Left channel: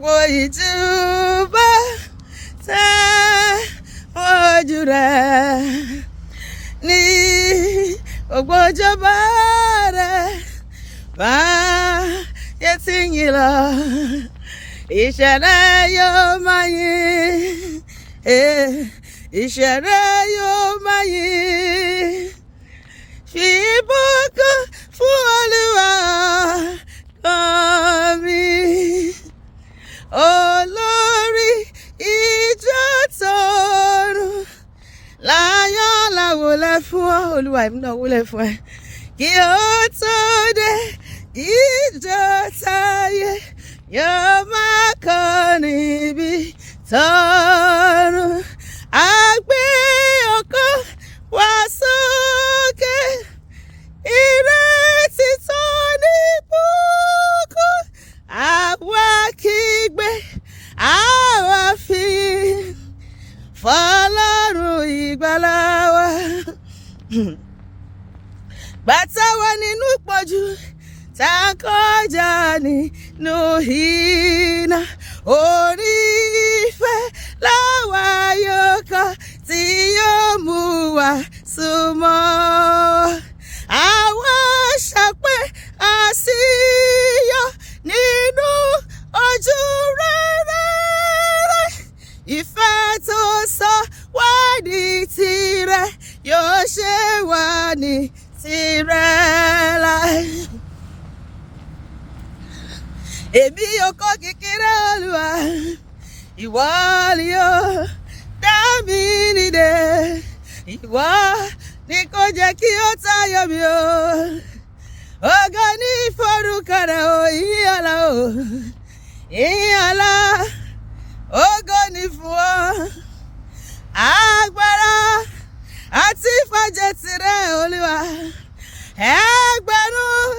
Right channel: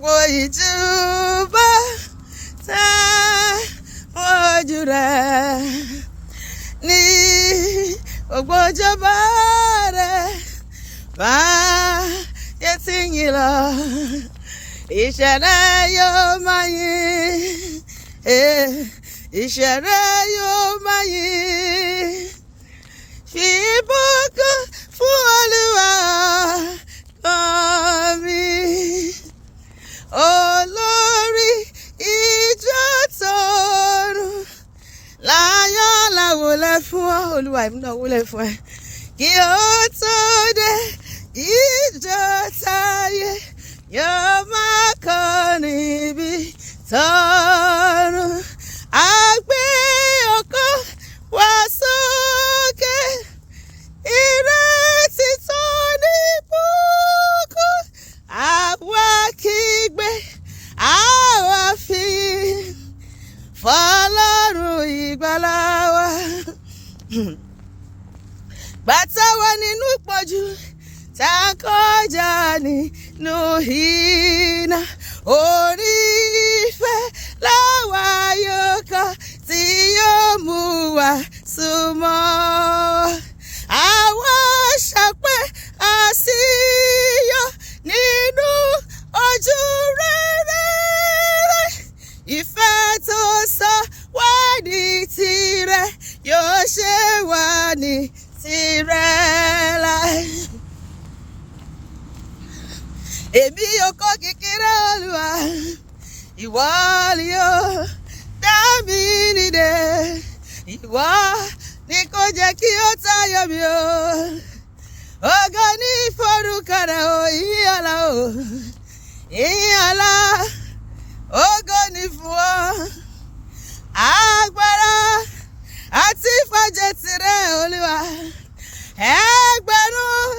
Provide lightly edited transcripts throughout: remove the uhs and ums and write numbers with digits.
gbogbo ìtúbà tẹ́ ojú rẹ̀ ní gbogbo ìjọba rẹ̀ bá yẹ ti yìn lọ. Ìṣẹ̀lẹ̀ yóò máa yìn, ìṣẹ̀lẹ̀ yóò máa yìn. Fi ìbùkún fún Olúwa mi, olórí ìjọ tọ̀run. Láyọ̀ láwọlẹ̀ fún ọ, Olúwa èmi náà wọlé fún ẹ. Kí ó tó dé ìjọ táyé yóò máa kọrin níbi tọ̀run. A gbé ọkọ̀ wá sókè, ìrètí tó ní ìbùkún. Àwa kígbe, àwa fi fọ́lọ́run ìgbàlà wa. Bàtà wà nínú ìpọ́njú, tá a kọjá nínú iná. Orí ìfẹ́ làwa yóò kọ tí yóò mú wa súnmọ́. Àwa ṣọpẹ́ àṣìyọ nínú ojú rere. Ìfẹ́ tó sọ wá di tirẹ̀ yóò ṣe wá ní tirẹ̀ láì. Èmi yóò kọ́ kékeré Olúwa, ìwọ ni yóò dá mi nídè. Ìwọ ni kò jẹ́ kí ó tayọ mi o. Ògo ní forúkọ rẹ̀ o, ìyàlá o, ìyàlá. Ògo ní fún ọ, agbára àti ìfàjẹ́ tirẹ̀ Olúwa. Ẹgbẹ̀rún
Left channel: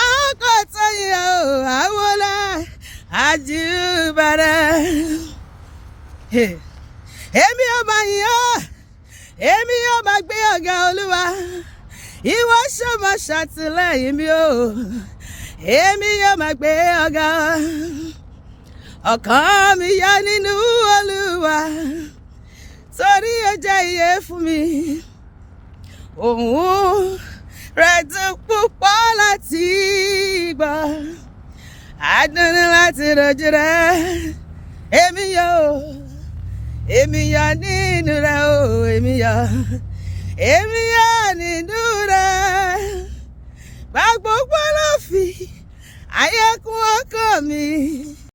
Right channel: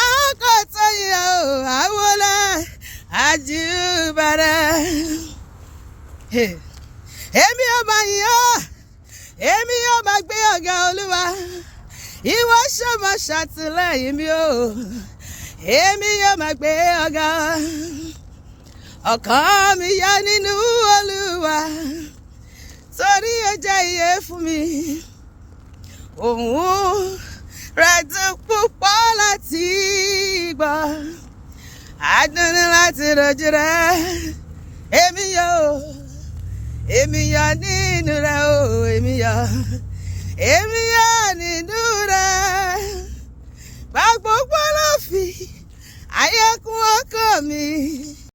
àkọ́tọ̀ yìí o, àwọlẹ̀ àjùbàrẹ̀. Èmi yóò máa yìn ọ́, èmi yóò máa gbé ọ̀gá Olúwa. Ìwọ ṣọmọ ṣàtìlẹ́yìn mi o, èmi yóò máa gbé ọ̀gá. Ọkàn mi yá nínú Olúwa, torí ó jẹ́ ìyè fún mi. Òun rẹ̀ dùn púpọ̀ láti gbọ́, adùn ní láti rojú rẹ̀. Èmi yọ̀ nínú rẹ̀ o, èmi yọ̀ nínú rẹ̀. Gba gbogbo ló fi ayé kún ọkàn mi.